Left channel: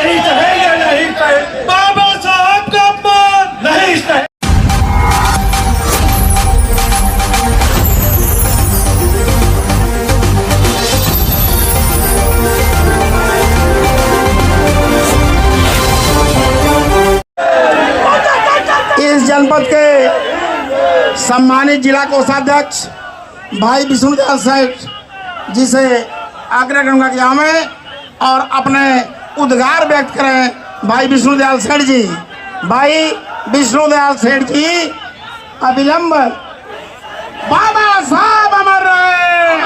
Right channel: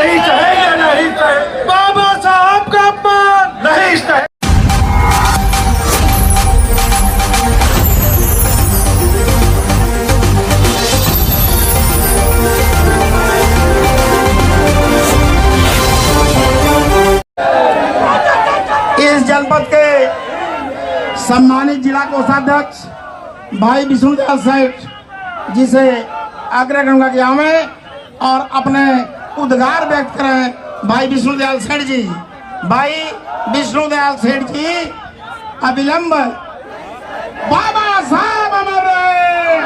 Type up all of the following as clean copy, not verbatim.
नहीं सहेंगे, नहीं सहेंगे। बाबा साहब का अपमान नहीं सहेंगे। इस जनपद के सम्मानित जिला कोषाध्यक्ष भाई विष्णुदयाल सेठ जी से आग्रह करूंगा कि हमें और अपने उद्गार व्यक्त करें। भाई विष्णुदयाल सेठ जी, भाई विष्णुदयाल सेठ जी अविलंब। बाबा साहब अमर रहे,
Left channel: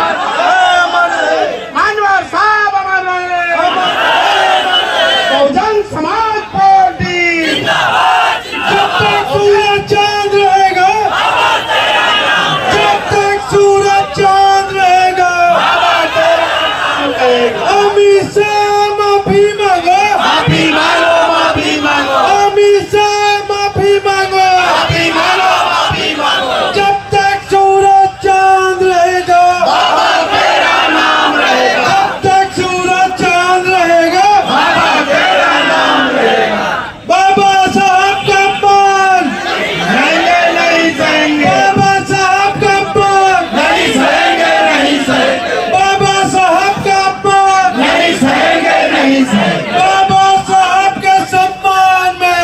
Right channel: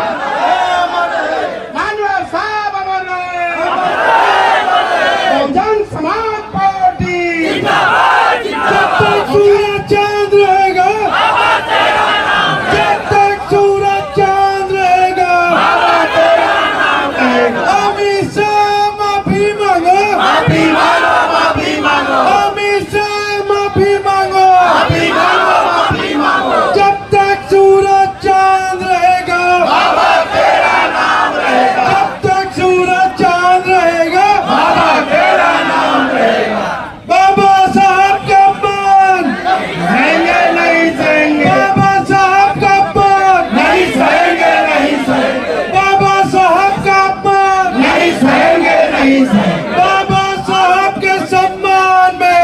मानवर साहब अमर रहे, बहुजन समाज पार्टी जब तक सूरज चांद रहेगा, जब तक सूरज चांद रहेगा, अमित शाह माफी मांगो, माफी मांगो, माफी मांगो, अमित शाह माफी मांगो, माफी मांगो, माफी मांगो, जब तक सूरज चांद रहेगा, बाबा तेरा नाम रहेगा, जब तक सूरज चांद रहेगा, बाबा तेरा नाम रहेगा। बाबा साहब का अपमान नहीं सहेंगे, बाबा साहब का अपमान नहीं सहेंगे, नहीं सहेंगे, बाबा साहब का अपमान नहीं सहेंगे, नहीं सहेंगे, बाबा साहब के सम्मान में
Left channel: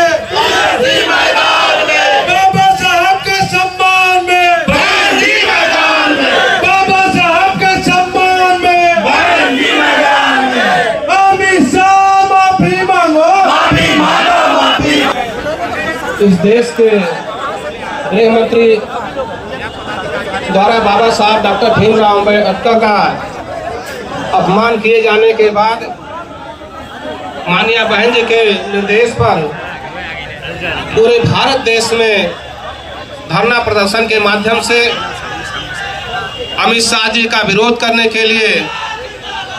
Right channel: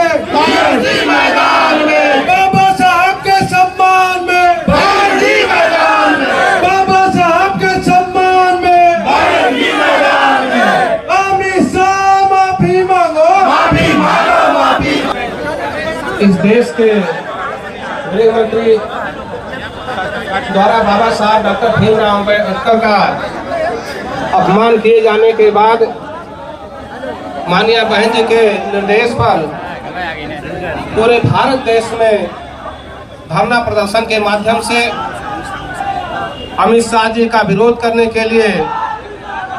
मैदान में, बाबा साहब के सम्मान में मैदान में, बाबा साहब के सम्मान में मैदान में, अमित शाह माफी मांगो, माफी मांगो, माफी। इस देश के गृह मंत्री द्वारा बाबा साहब डॉक्टर भीमराव अम्बेडकर का अपमान किए जाने के बाद माननीय बहन जी के निर्देश पर पूरे भारत देश में धरना प्रदर्शन के माध्यम से अमित शाह जी का विरोध करने के लिए,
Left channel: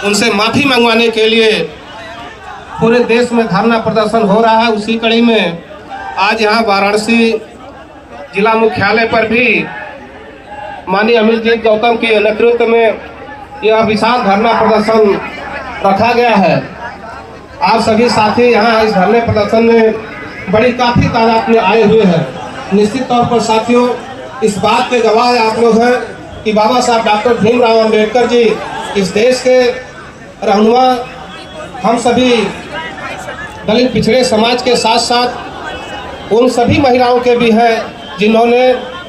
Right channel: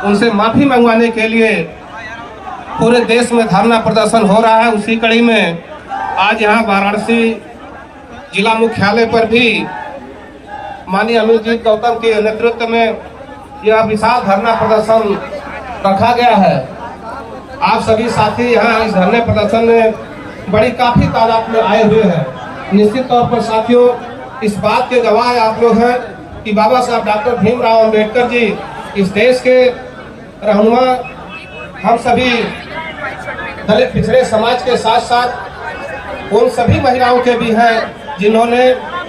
उनसे माफी मंगवाने के लिए पूरे देश में धरना प्रदर्शन हो रहा है। उसी कड़ी में आज यहाँ वाराणसी जिला मुख्यालय पर भी माननीय अमरजीत गौतम के नेतृत्व में यह विशाल धरना प्रदर्शन रखा गया है। आप सभी साथी यहाँ इस धरने प्रदर्शन में बड़ी काफी तादाद में आए हुए हैं। निश्चित तौर पर साथियों, इस बात के गवाह आप लोग हैं कि बाबा साहब डॉक्टर भीमराव अम्बेडकर जी इस देश के रहनुमा, हम सभी दलित पिछड़े समाज के साथ साथ उन सभी महिलाओं के भी हैं जिन्होंने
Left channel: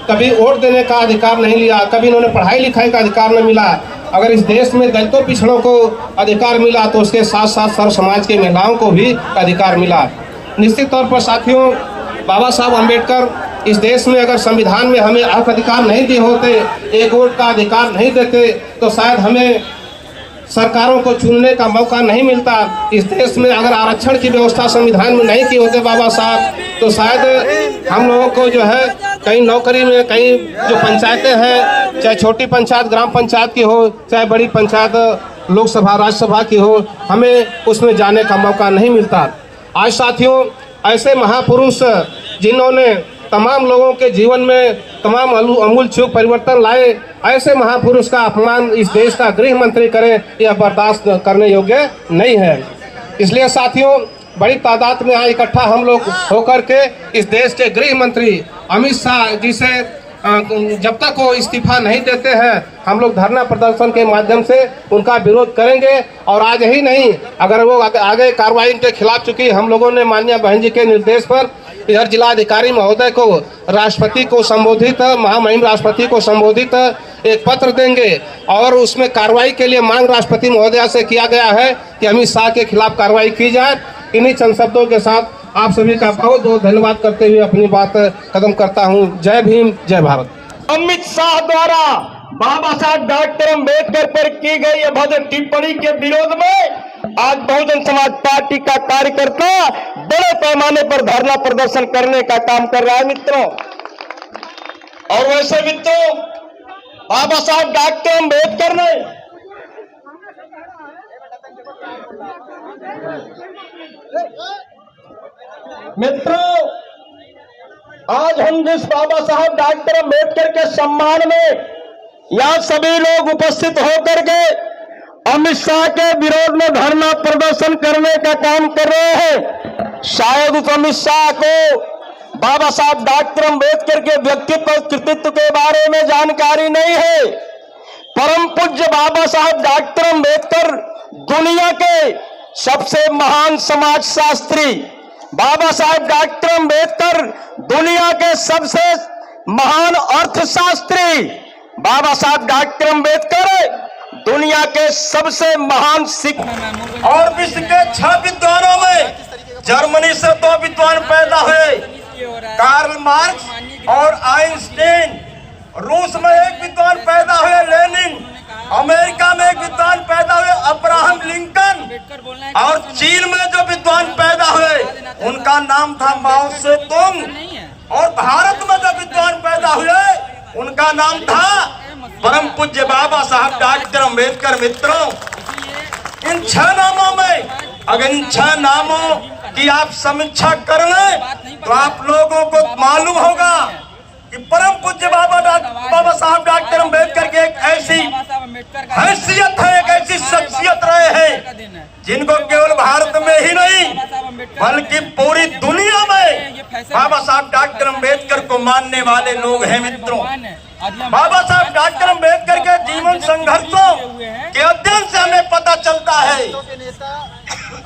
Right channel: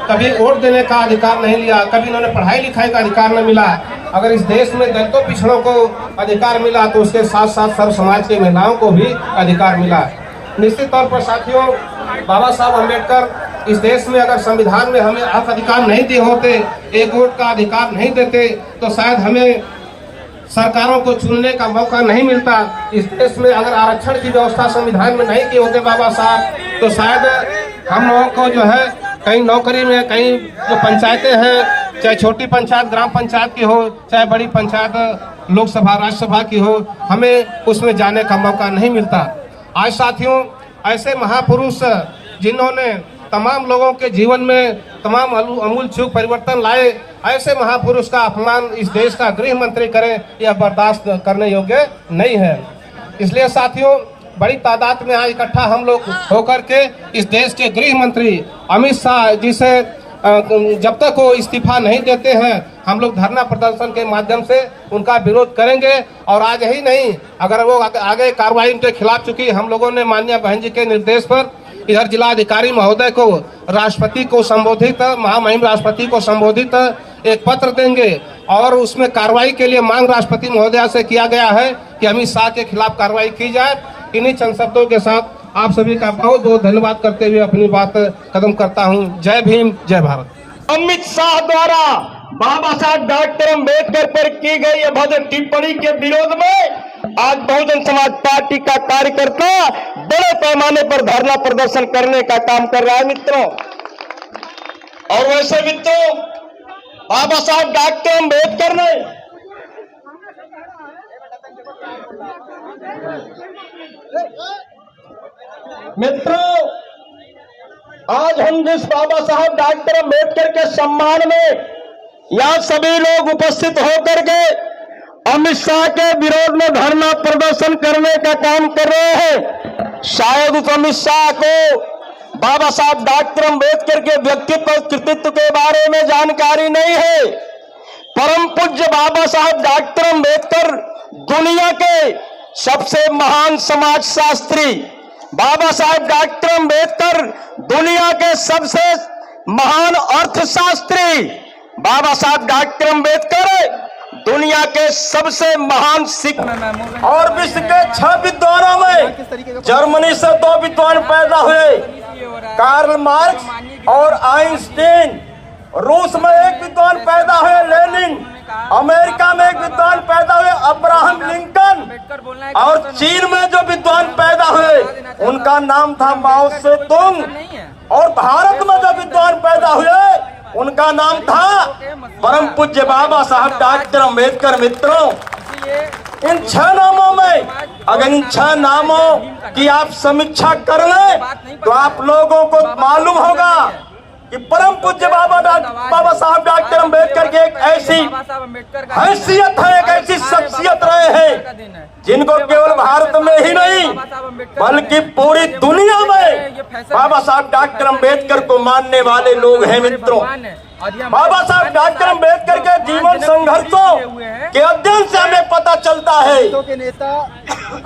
कभी वोट देने का अधिकार नहीं लिया, कभी उन्होंने पढ़ाई लिखाई का अधिकार नहीं मिला। अगर इस देश में दलितों पिछड़ों को अधिकार मिला तो उसके साथ साथ सर्व समाज की महिलाओं को भी अधिकार मिला। निश्चित तौर पर साथियों, बाबा साहब अम्बेडकर इस देश में अगर संविधान में हमें हक अधिकार नहीं दिए होते, एक वोट का अधिकार नहीं देते, तो शायद हमें सरकारों को चुनने का मौका नहीं मिलता। इस देश में अगर आरक्षण की व्यवस्था संविधान में नहीं की होते बाबा साहब, तो शायद हम लोगों को जो है कहीं नौकरी में, कहीं जो पंचायतें हैं, चाहे छोटी पंचायत ग्राम पंचायत की हो, चाहे बड़ी पंचायत लोकसभा राज्यसभा की हो, हमें उसमें जाने का मौका नहीं मिलता। आज साथियों, ऐसे महापुरुष जिन्होंने तमाम लोगों के जीवन में तमाम अमूलचूल परिवर्तन लाए, ऐसे महापुरुष का अपमान इस देश का गृह मंत्री करे, यह बर्दाश्त करने योग्य नहीं है। इसलिए साथियों, बड़ी तादाद में आज इकट्ठा हम लोग होकर के इस देश के गृह मंत्री अमित शाह जी से जब तक वो इस्तीफा नहीं देते हैं, हम लोग धरना प्रदर्शन के माध्यम से उनका विरोध करेंगे। और आज ही नहीं, अगर वो आगे कार्रवाई इनके खिलाफ चुकी, हम लोगों ने माननीय बहन जी के निर्देश पर इधर जिलाधिकारी महोदय को, राष्ट्रपति को संबोधित, महामहिम राष्ट्रपति को संबोधित एक पत्र देंगे और उसमें कार्रवाई के लिए मांग राष्ट्रपति महोदया से किया गया है कि अमित शाह के खिलाफ कार्रवाई की जाए। इन्हीं चंद शब्दों के साथ आप सभी का बहुत बहुत धन्यवाद करते हुए अपनी बात खत्म करता हूं। जय भीम, जय भारत। अमित शाह द्वारा बाबा साहब डॉक्टर अम्बेडकर पर की गई अभद्र टिप्पणी के विरोध में आज बहुजन समाज पार्टी का कार्यकर्ता बड़े पैमाने पर धरना प्रदर्शन करने का काम कर रहा है मित्रों। और वैसे मित्रों, बाबा साहब डॉक्टर अम्बेडकर ने मित्रों, आज हम जिस बाबा साहब डॉक्टर अम्बेडकर के सम्मान में यहाँ सभी लोग उपस्थित होकर के अमित शाह के विरोध में धरना प्रदर्शन करने का काम कर रहे हैं। शायद उस अमित शाह को बाबा साहब डॉक्टर अम्बेडकर के व्यक्तित्व और कृतित्व के बारे में जानकारी नहीं है। परम पूज्य बाबा साहब डॉक्टर अम्बेडकर दुनिया के सबसे महान समाज शास्त्री, बाबा साहब डॉक्टर अम्बेडकर दुनिया के सबसे महान अर्थशास्त्री, बाबा साहब डॉक्टर अम्बेडकर दुनिया के सबसे महान शिक्षक और विश्व के 6 विद्वानों में जर्मनी से 2 विद्वान पैदा हुए, कार्ल मार्क्स और आइंस्टीन। रूस में 1 विद्वान पैदा हुए, लेनिन। अमेरिका में 1 विद्वान पैदा हुए, अब्राहम लिंकन। और चीन में जो विद्वान पैदा हुए उनका नाम था माओ से तुंग। और भारत में जो विद्वान पैदा हुए उनका नाम था परम पूज्य बाबा साहब डॉक्टर अम्बेडकर। मित्रों, इन 6 नामों में अगर इन 6 नामों की आप समीक्षा कर लें तो आप लोगों को मालूम होगा कि परम पूज्य बाबा साहब डॉक्टर अम्बेडकर की एक ऐसी हैसियत है, एक ऐसी शख्सियत रहे हैं जिनको केवल भारत में ही नहीं बल्कि पूरी दुनिया में बाबा साहब डॉक्टर अम्बेडकर को मानने वाले लोग हैं। मित्रों, बाबा साहब डॉक्टर अम्बेडकर के जीवन संघर्षों के अध्ययन से हमें पता चलता है के नेता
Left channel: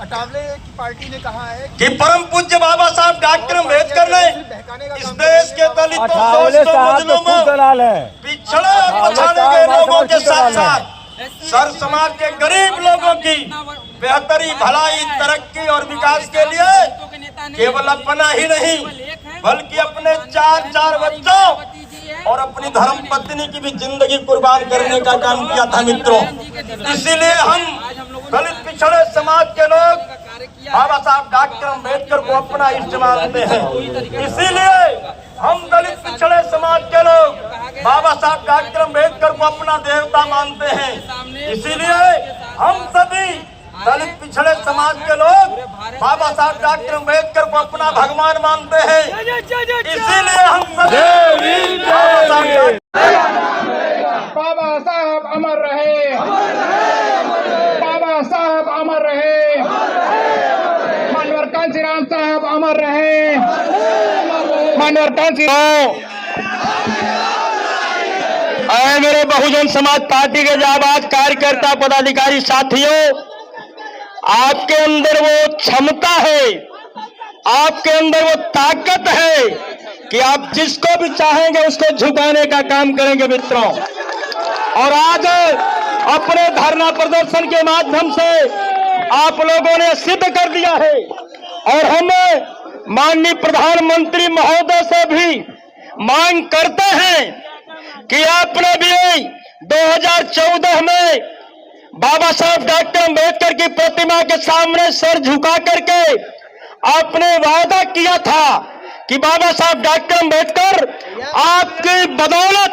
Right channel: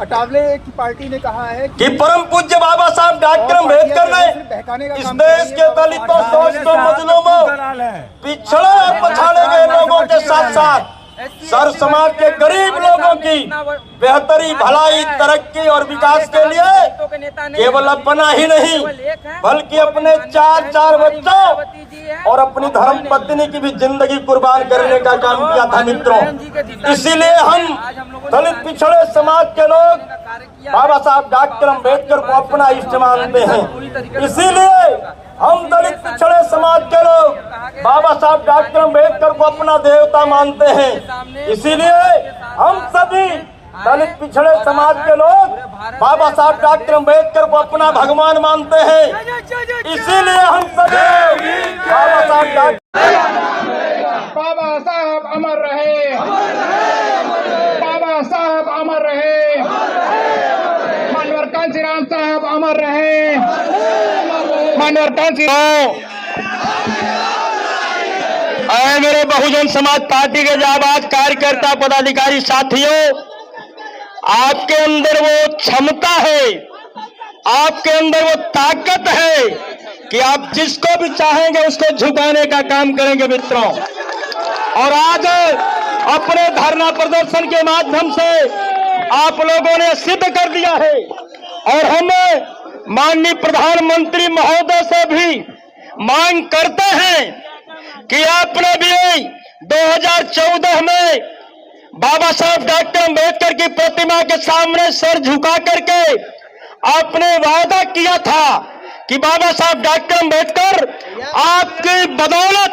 अटावले की पार्टी ने कहा है कि परम पूज्य बाबा साहब डॉक्टर अम्बेडकर ने इस देश के दलितों, शोषितों, मजलूमों, पिछड़े और पछाड़े हुए लोगों के साथ साथ सर समाज के गरीब लोगों की बेहतरी, भलाई, तरक्की और विकास के लिए केवल अपना ही नहीं बल्कि अपने 4 बच्चों और अपनी धर्म पत्नी की भी जिंदगी कुर्बान करने का काम किया था। मित्रों, इसीलिए हम दलित पिछड़े समाज के लोग बाबा साहब डॉक्टर अम्बेडकर को अपना इष्ट मानते हैं। इसीलिए हम दलित पिछड़े समाज के लोग बाबा साहब डॉक्टर अम्बेडकर को अपना देवता मानते हैं। इसीलिए हम सभी दलित पिछड़े समाज के लोग बाबा साहब डॉक्टर अम्बेडकर को अपना भगवान मानते हैं। इसीलिए हम सभी बाबा साहब अमर रहे, बाबा साहब अमर रहे, मानवर कांशीराम साहब अमर रहे, मानवर कांशीराम। मेरे बहुजन समाज पार्टी के जाबाज कार्यकर्ता, पदाधिकारी साथियों, आपके अंदर वो क्षमता है, आपके अंदर वो ताकत है कि आप जिसको भी चाहेंगे उसको झुकाने का काम करेंगे। मित्रों, और आज अपने धरना प्रदर्शन के माध्यम से आप लोगों ने सिद्ध कर दिया है और हम माननीय प्रधानमंत्री महोदय से भी मांग करते हैं कि आपने भी 2014 में बाबा साहब डॉक्टर अम्बेडकर की प्रतिमा के सामने सर झुका करके आपने वादा किया था कि बाबा साहब डॉक्टर अम्बेडकर आपकी बदौलत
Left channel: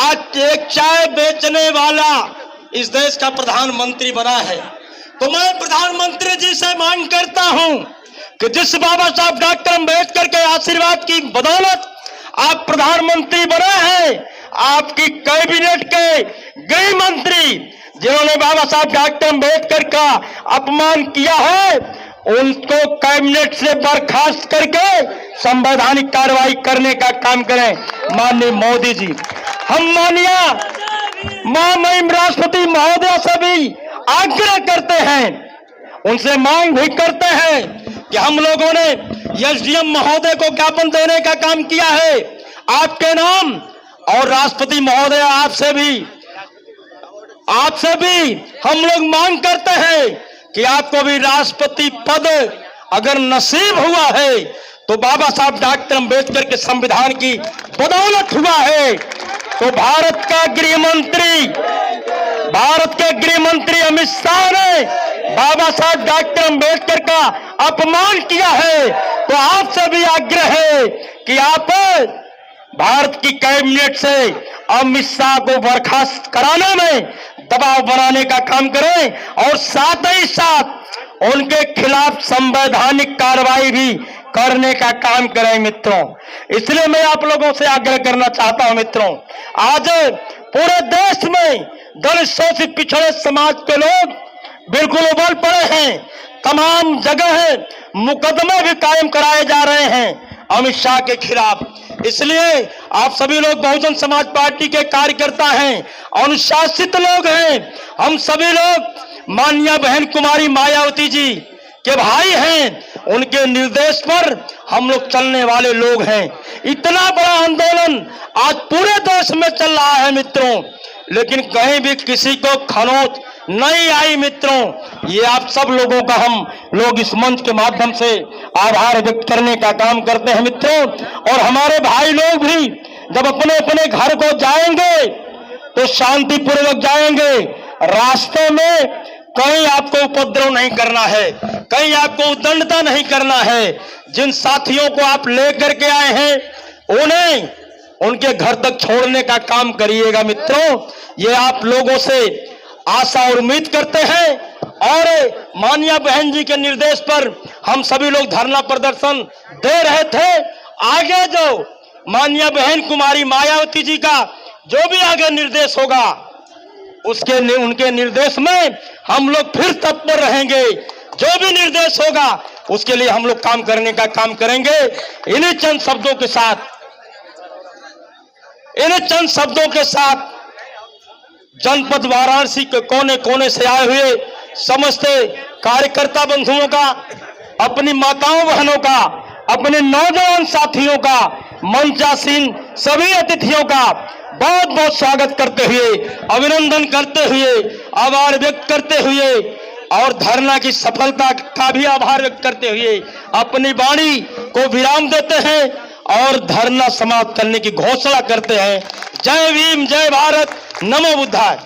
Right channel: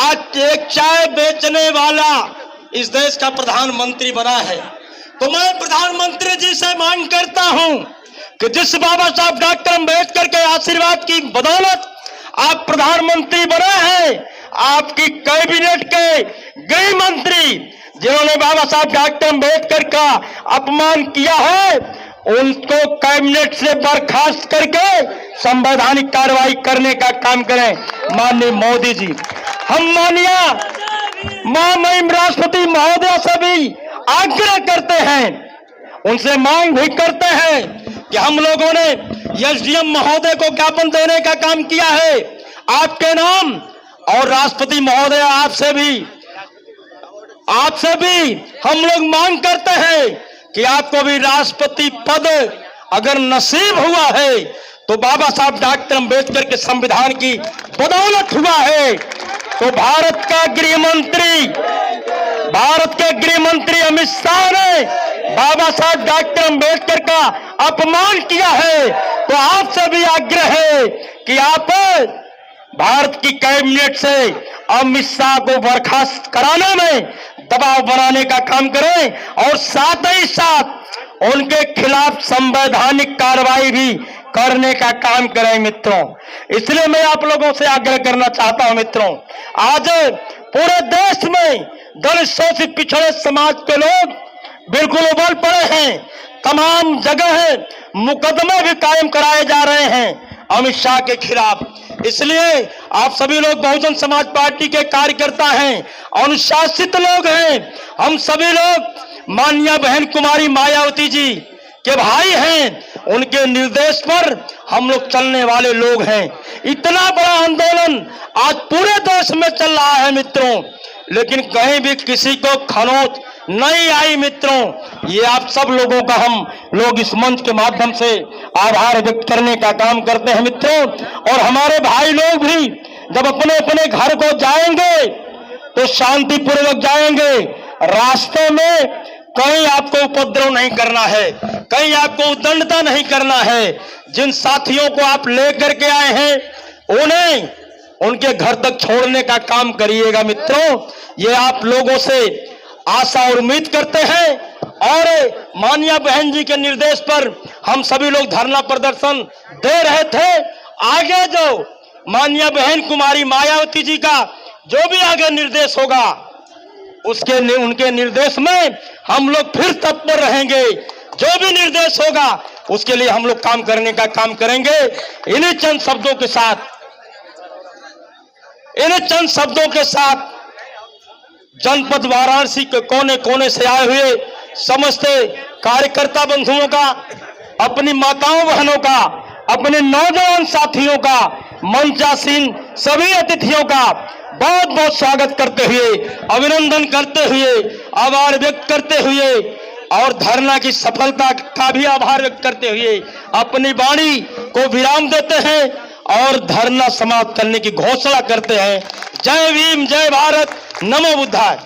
आज एक चाय बेचने वाला इस देश का प्रधानमंत्री बना है। तो मैं प्रधानमंत्री जी से मांग करता हूं कि जिस बाबा साहब डॉक्टर अम्बेडकर के आशीर्वाद की बदौलत आप प्रधानमंत्री बने हैं, आपकी कैबिनेट के गृह मंत्री जिन्होंने बाबा साहब डॉक्टर अम्बेडकर का अपमान किया है उनको कैबिनेट से बर्खास्त करके संवैधानिक कार्रवाई करने का काम करें। माननीय मोदी जी, हम माननीय महामहिम राष्ट्रपति महोदय से भी आग्रह करते हैं, उनसे मांग भी करते हैं कि हम लोगों ने एसडीएम महोदय को ज्ञापन देने का काम किया है आपके नाम, और राष्ट्रपति महोदय आपसे भी हम लोग मांग करते हैं कि आपको भी राष्ट्रपति पद अगर नसीब हुआ है तो बाबा साहब डॉक्टर अम्बेडकर के संविधान की बदौलत हुआ है। तो भारत के गृह मंत्री अमित शाह ने बाबा साहब डॉक्टर अम्बेडकर का अपमान किया है, तो आपसे भी आग्रह है कि आप भारत की कैबिनेट से अमित शाह को बर्खास्त कराने में दबाव बनाने का काम करें और साथ ही साथ उनके खिलाफ संवैधानिक कार्रवाई भी करने का काम करें। मित्रों, इसलिए मैं आप लोगों से आग्रह करना चाहता हूं। मित्रों, आज पूरे देश में दलित शोषित पिछड़े समाज के लोग बिल्कुल उबल पड़े हैं। तमाम जगह मुकदमे भी कायम कराए जा रहे हैं अमित शाह के खिलाफ। इसलिए आप सभी लोग बहुजन समाज पार्टी के कार्यकर्ता हैं, अनुशासित लोग हैं। हम सभी लोग माननीय बहन कुमारी मायावती जी के भाई हैं, उनके निर्देश पर हम लोग चलने वाले लोग हैं। इतना बड़ा आंदोलन आज पूरे देश में चल रहा है मित्रों, लेकिन कहीं भी किसी को खरोंच नहीं आई मित्रों। ये आप सब लोगों का हम लोग इस मंच के माध्यम से आभार व्यक्त करने का काम करते हैं मित्रों। और हमारे भाई लोग भी जब अपने अपने घर को जाएंगे तो शांतिपूर्वक जाएंगे। रास्ते में कहीं आपको उपद्रव नहीं करना है, कहीं आपको उद्दंडता नहीं करना है। जिन साथियों को आप लेकर के आए हैं उन्हें उनके घर तक छोड़ने का काम करिएगा मित्रों। ये आप लोगों से आशा और उम्मीद करते हैं। और माननीय बहन जी के निर्देश पर हम सभी लोग धरना प्रदर्शन दे रहे थे। आगे जो माननीय बहन कुमारी मायावती जी का जो भी आगे निर्देश होगा उनके निर्देश में हम लोग फिर तत्पर रहेंगे। जो भी निर्देश होगा उसके लिए हम लोग काम करने का काम करेंगे। इन्हीं चंद शब्दों के साथ जनपद वाराणसी के कोने कोने से आए हुए समस्त कार्यकर्ता बंधुओं का, अपनी माताओं बहनों का, अपने नौजवान साथियों का, मंचासीन सभी अतिथियों का बहुत बहुत स्वागत करते हुए, अभिनंदन करते हुए, आभार व्यक्त करते हुए और धरना की सफलता का भी आभार व्यक्त करते हुए अपनी वाणी को विराम देते हैं और धरना समाप्त करने की घोषणा करते हैं। जय भीम, जय भारत, नमो बुद्धाय।